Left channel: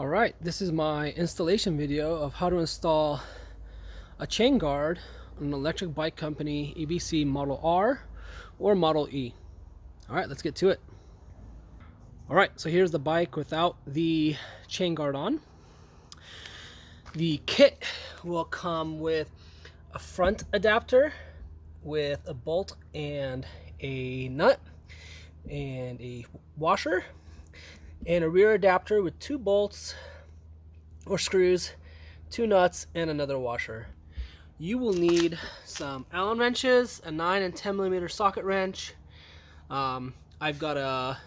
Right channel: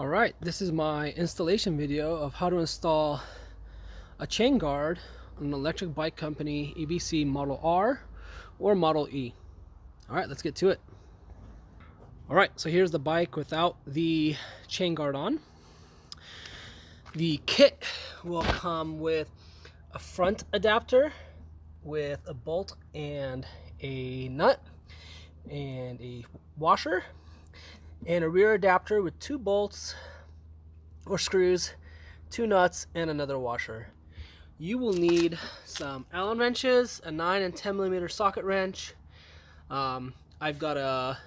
Alright, this is my installation video of how to install a chain guard on an electric bike company EBC Model R or Model E. Alright, let's get to it. Alright, so here's the bike without the chain guard on. The kit will come with a front adapter with a bolt and a nut and a washer, and a rear adapter with 2 bolts or screws, 2 nuts, and another washer. You will need some Allen wrenches, a 9 and 10 millimeter socket wrench. I've got a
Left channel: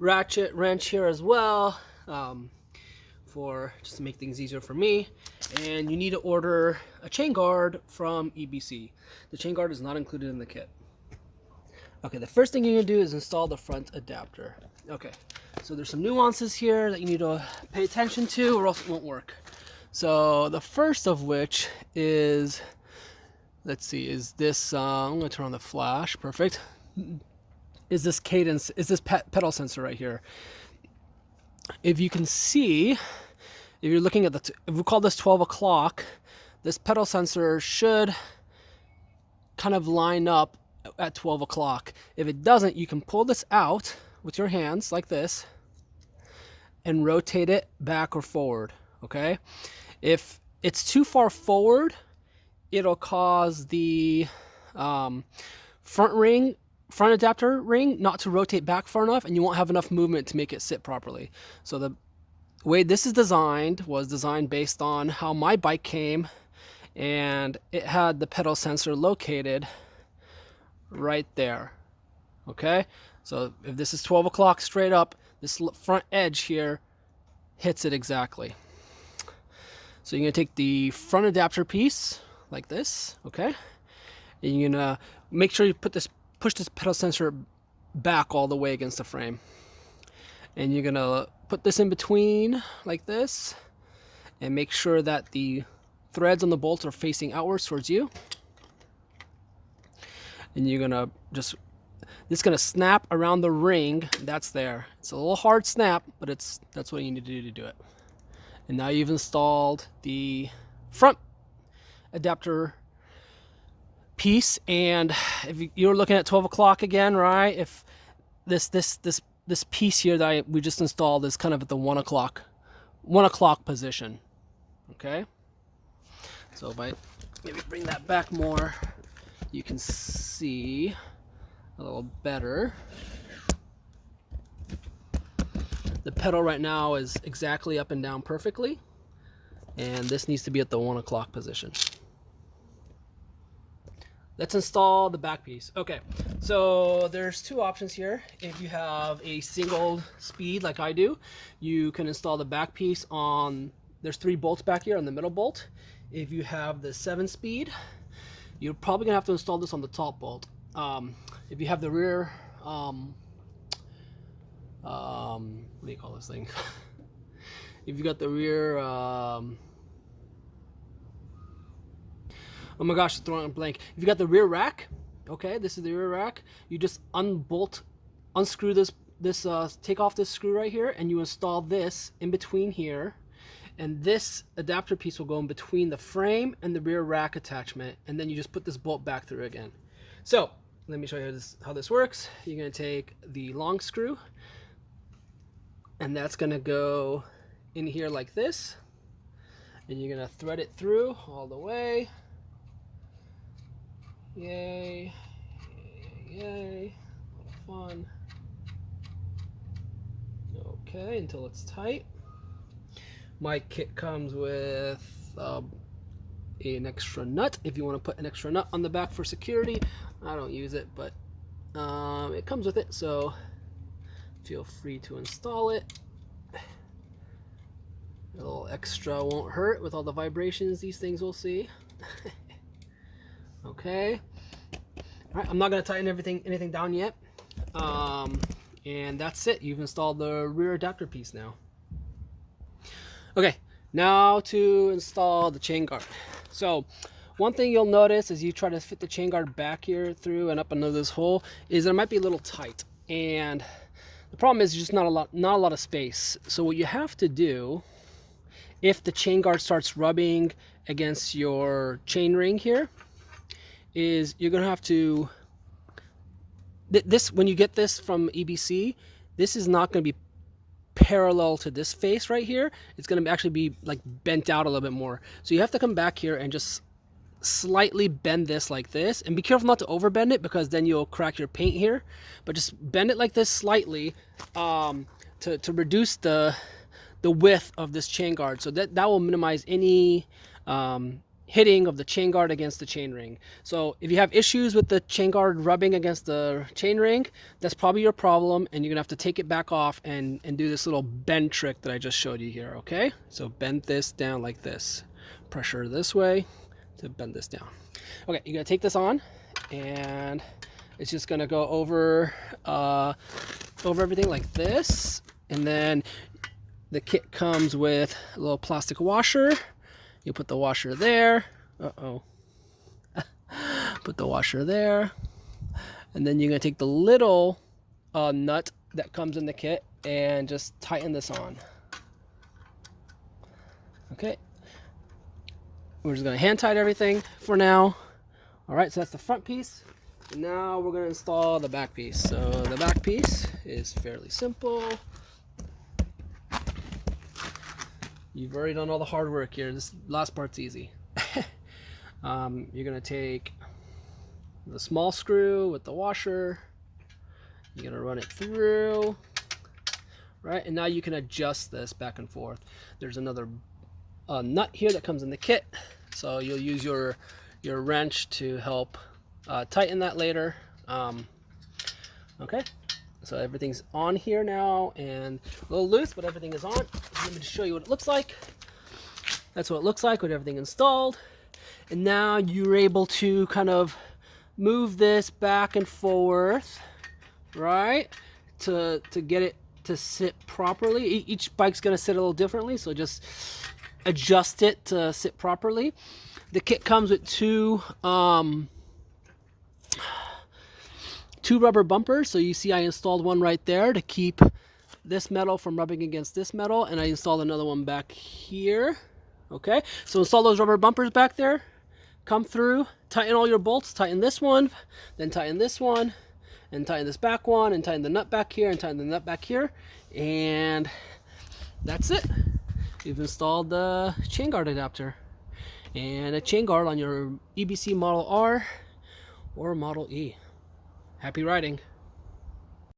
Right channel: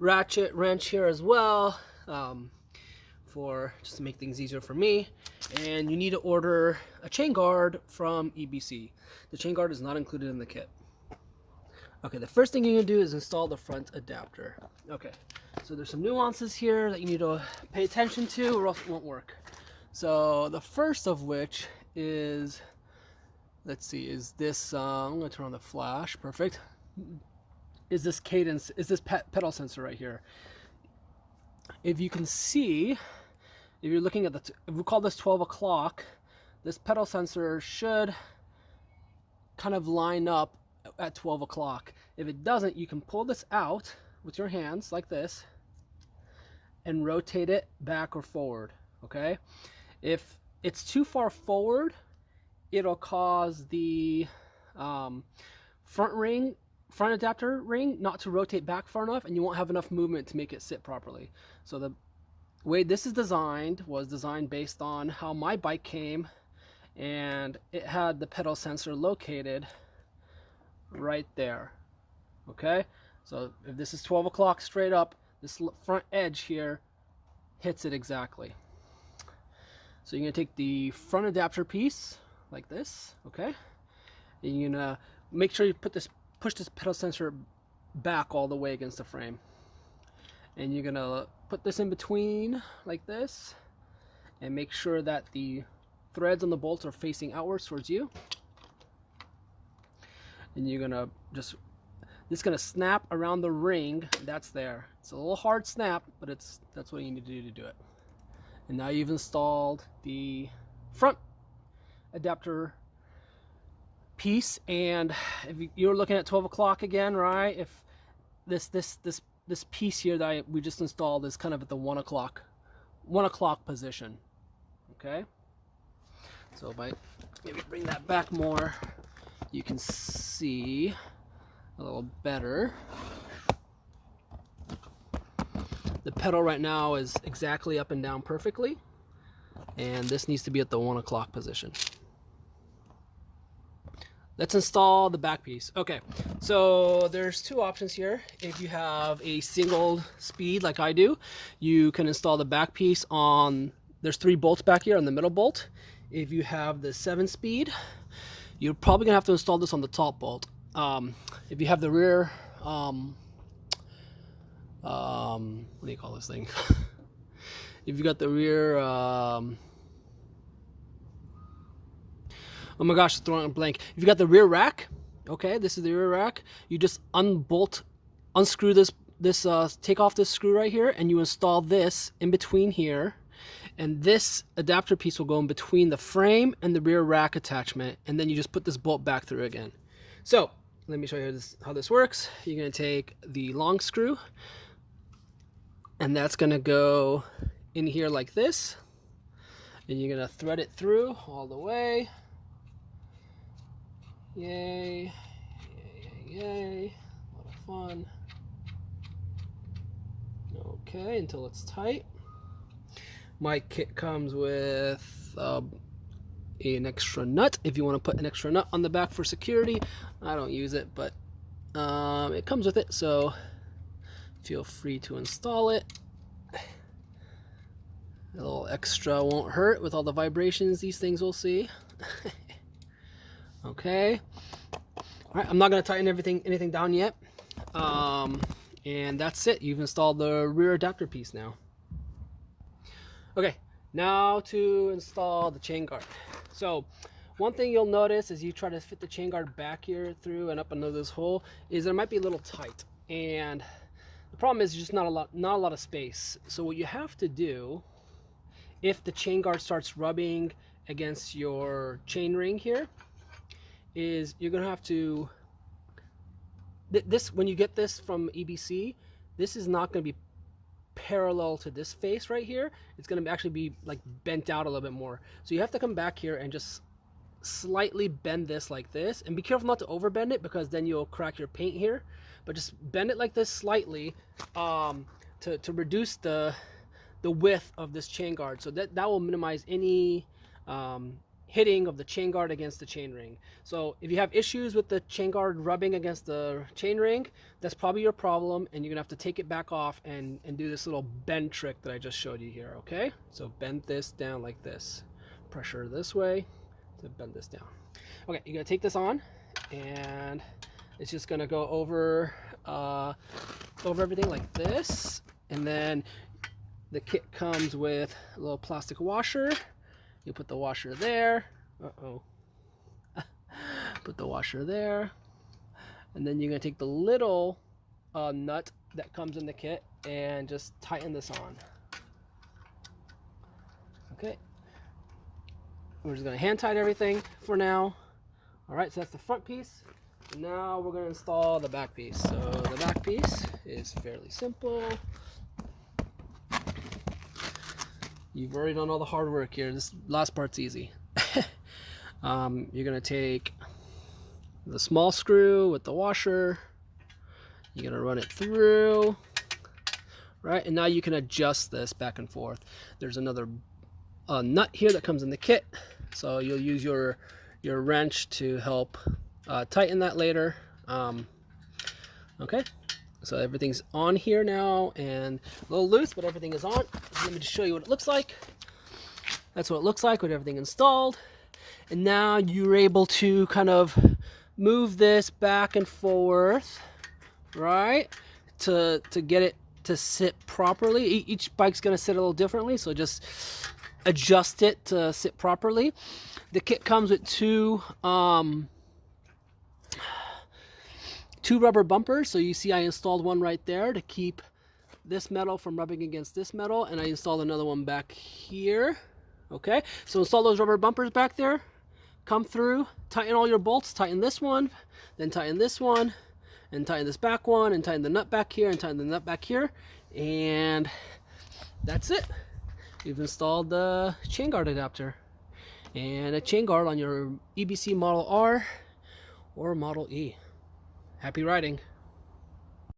ratchet wrench here as well, for just to make things easier for me. And you need to order a chain guard from EBC. The chain guard is not included in the kit. Okay, the first thing you're gonna do is install the front adapter. Okay, so there's some nuances here that you need to pay attention to or else it won't work. So the first of which is, let's see, is this, I'm gonna turn on the flash, perfect. Is this cadence, is this pedal sensor right here. If you can see, if you're looking at if we call this 12 o'clock, this pedal sensor should kind of line up at 12 o'clock. If it doesn't, you can pull this out with your hands like this and rotate it back or forward. Okay, if it's too far forward, it'll cause the front adapter ring not to rotate back far enough, and you won't have enough movement to make it sit properly. So the way this is designed was designed based on how my bike came, and it had the pedal sensor located right there. Okay, so if this is 12 o'clock straight up, this front edge here hits it exactly. So you're gonna take the front adapter piece like this, okay, and you're gonna make sure you push this pedal sensor back all the way against the frame, and you're gonna put this in between like this and make sure that the threads on the bolts are facing outwards towards you. And you're gonna this is gonna snap around the ring that's there. It's a little hard snap, but that's what you need to do it. And now you've installed the front adapter piece, and if you're looking at 12 o'clock again, right? If this piece here that we just installed is kind of at the 1 o'clock position. Okay, so if I maybe bring that back more, you can see a little better. The pedal right now is exactly up and down perfectly, and this needs to be at the 1 o'clock position. Let's install the back piece. Okay, so there's 2 options here. If you have a single speed like I do, you can install the back piece on, there's 3 bolts back here on the middle bolt. If you have the 7 speed, you're probably gonna have to install this on the top bolt. If you have the rear, what do you call this thing? If you got the rear, oh my gosh, throwing a blank. If you got the rear rack, okay, this is the rear rack. You just unscrew this, take off this screw right here, and you install this in between here. And this adapter piece will go in between the frame and the rear rack attachment, and then you just put this bolt back through again. So let me show you how this works. You're going to take the long screw, and that's going to go in here like this, and you're going to thread it through all the way. Yay, yay, yay, a lot of fun. Okay, until it's tight. My kit comes with an extra nut if you want to put an extra nut on the back for security. I don't use it, but it comes with it, so feel free to install it. A little extra won't hurt with all the vibrations these things will see. Okay. All right, I'm not going to tighten anything down yet. And that's it. You've installed the rear adapter piece now. Okay, now to install the chain guard. So one thing you'll notice as you try to fit the chain guard back here through and up under this hole is it might be a little tight. And The problem is just not a lot of space. So what you have to do, if the chain guard starts rubbing against your chain ring here, is you're gonna have to, when you get this from EBC, this is not gonna be parallel to this face right here. It's gonna actually be like bent out a little bit more. So you have to come back here and just slightly bend this like this, and be careful not to over bend it, because then you'll crack your paint here. But just bend it like this slightly to reduce the width of this chain guard, so that will minimize any hitting of the chain guard against the chain ring. So if you have issues with the chain guard rubbing against the chain ring, that's probably your problem, and you're gonna have to take it back off and do this little bend trick that I just showed you here. Okay, so bend this down like this, pressure this way to bend this down. Okay, you're gonna take this on, and it's just gonna go over everything like this. And then the kit comes with a little plastic washer. You put the washer there. Put the washer there. And then you're gonna take the little nut that comes in the kit and just tighten this on. Okay. We're just gonna hand tighten everything for now. All right, so that's the front piece. And now we're gonna install the back piece. So the back piece is fairly simple. You've already done all the hard work here. This last part's easy. You're gonna take the small screw with the washer. You're gonna run it through, right? And now you can adjust this back and forth. There's another nut here that comes in the kit, so you'll use your wrench to help tighten that later. Okay. So everything's on here now, and a little loose, but everything is on. Let me just show you what it looks like. That's what it looks like with everything installed. And now you're able to kind of move this back and forth, right? To get it to sit properly. Each bike's gonna sit a little differently, so just adjust it to sit properly. The kit comes with two rubber bumpers. So you see I installed one right there to keep this metal from rubbing against this metal, and I installed another one back here. Okay, so install those rubber bumpers back there, come through, tighten all your bolts, tighten this one, then tighten this one, and tighten this back one, and tighten the nut back here, and tighten the nut back here, and that's it. You've installed the chain guard adapter and a chain guard on your EBC Model R or Model E. Happy riding.